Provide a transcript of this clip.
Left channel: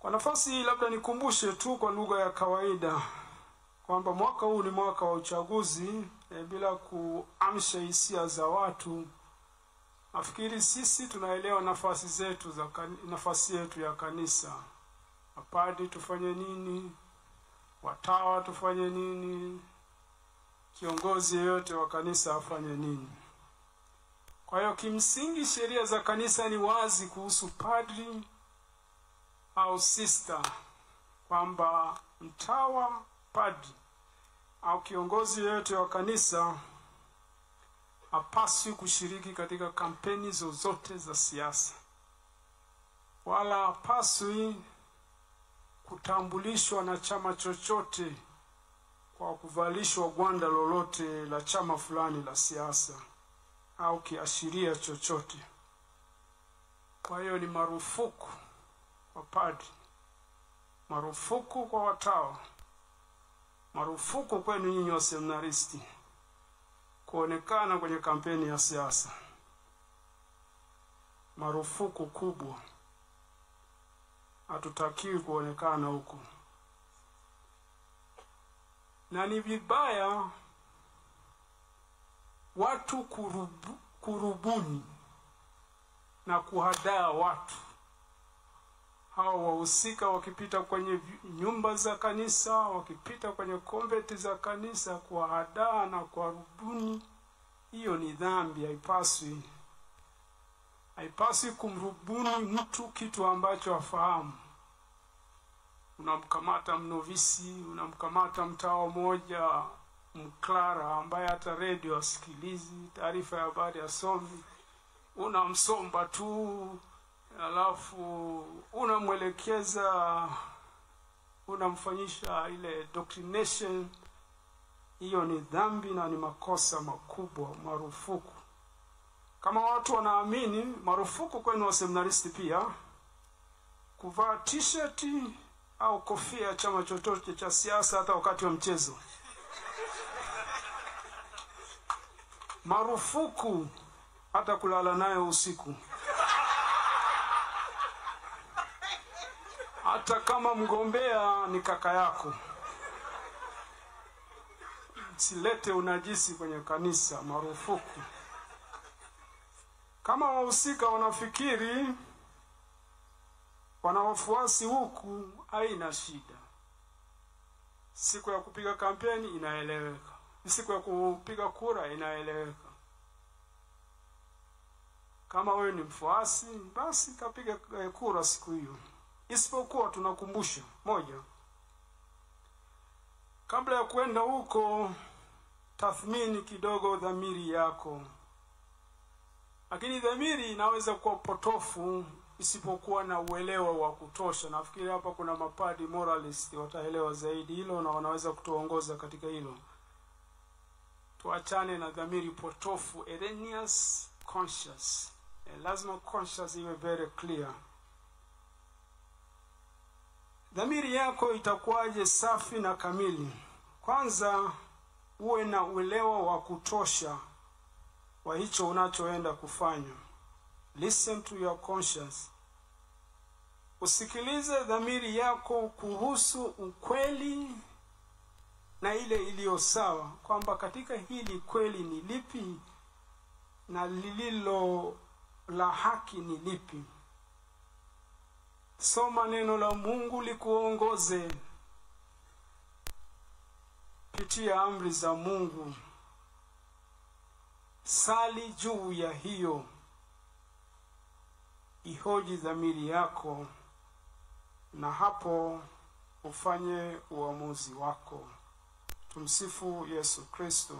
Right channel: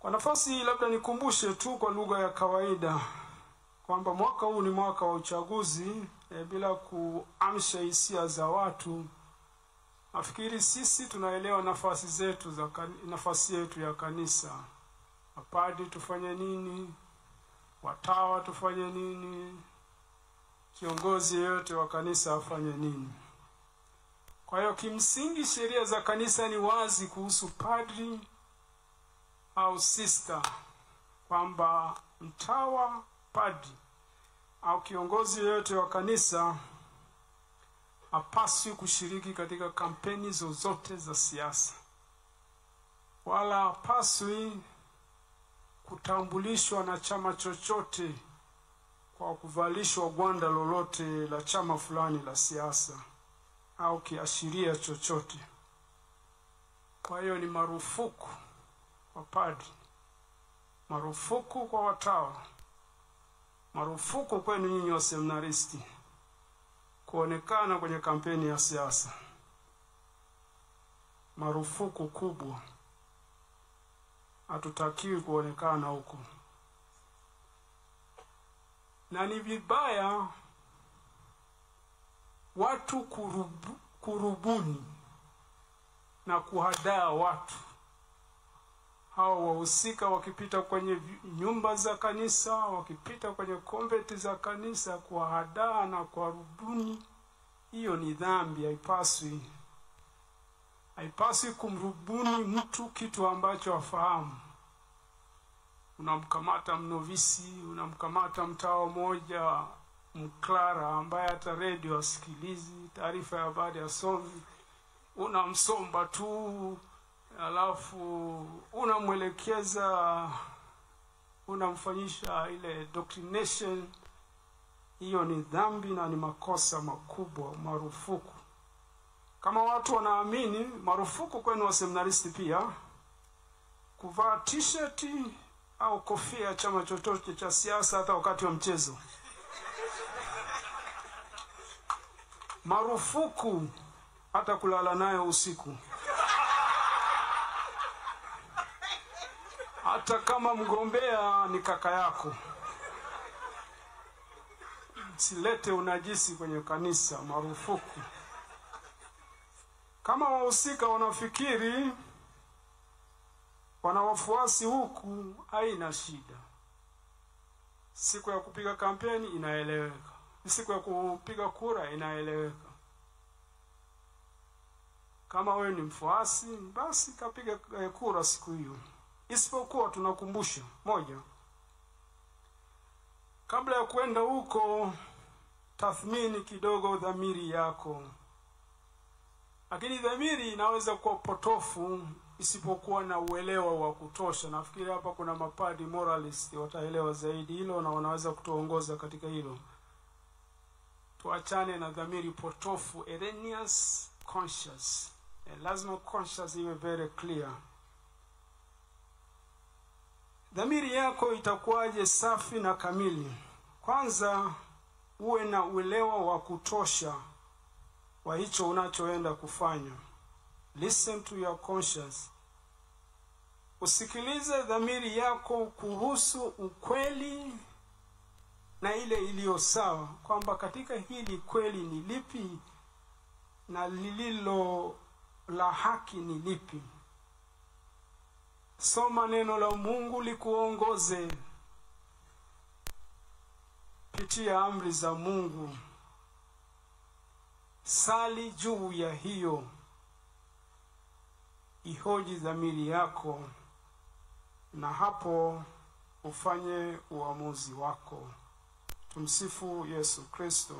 Kwa nafasi hii labda nikumbushe tu kwa lugha ya kawaida kwamba mwaka huu ni mwaka wa uchaguzi, bila kuamsha hisia za watu. Nafikiri sisi tunaelewa nafasi yetu ya kanisa. Mapadi tufanye nini? Watawa tufanye nini? Kiongozi yeyote wa kanisa afanye nini? Kwa hiyo kimsingi sheria za kanisa ni wazi kuhusu padri au sister, kwamba mtawa, padri au kiongozi yeyote wa kanisa hapaswi kushiriki katika kampeni zozote za siasa, wala hapaswi kutambulishwa na chama chochote kwa kuvalishwa gwanda lolote la chama fulani la siasa au kiashiria chochote. Kwa hiyo ni marufuku kwa padri, marufuku kwa watawa, marufuku kwenu nyinyi wa seminaristi kuonekana kwenye kampeni ya siasa. Marufuku kubwa. Hatutakiwi kuonekana huko. Na ni vibaya watu kurubuni na kuhadaa watu. Hao wahusika wakipita kwenye nyumba za kanisa, wakipita kwenye konventi za kanisa, kuhadaa na kuwarubuni, hiyo ni dhambi. Haipaswi kumrubuni mtu kitu ambacho afahamu. Unamkamata mnovisi, unamkamata mtawa mmoja mklara ambaye hata radio asikilizi, taarifa ya habari asomi, unamsomba tu, alafu unamwelekeza, unamfanyisha ile doctrination. Hiyo ni dhambi na ni makosa makubwa, marufuku. Kama watu wanaamini, marufuku kwenu wa seminaristi pia kuvaa t-shirt au kofia ya chama chochote cha siasa hata wakati wa mchezo. Marufuku hata kulala nayo usiku. Hata kama mgombea ni kaka yako. Silete unajisi kwenye kanisa, marufuku. Kama wahusika wanafikiri wana wafuasi huku, haina shida. Siku ya kupiga kampeni inaeleweka. Siku ya kupiga kura inaeleweka. Kama wewe ni mfuasi, basi kapiga kura siku hiyo. Isipokuwa tunakumbusha moja, kabla ya kwenda huko, tathmini kidogo dhamiri yako. Lakini dhamiri inaweza kuwa potofu isipokuwa na uelewa wa kutosha. Nafikiri hapa kuna mapadi moralist wataelewa zaidi hilo na wanaweza kutuongoza katika hilo. Tuachane na dhamiri potofu, erroneous conscious. Lazima conscious iwe very clear. Dhamiri yako itakuwaje safi na kamili? Kwanza uwe na uelewa wa kutosha wa hicho unachoenda kufanya. Listen to your conscience. Usikilize dhamiri yako kuhusu ukweli na ile iliyo sawa, kwamba katika hili kweli ni lipi na lililo la haki ni lipi. Soma neno la Mungu likuongoze. Pitia amri za Mungu. Sali juu ya hiyo. Ihoji dhamiri yako, na hapo ufanye uamuzi wako. Tumsifu Yesu Kristo.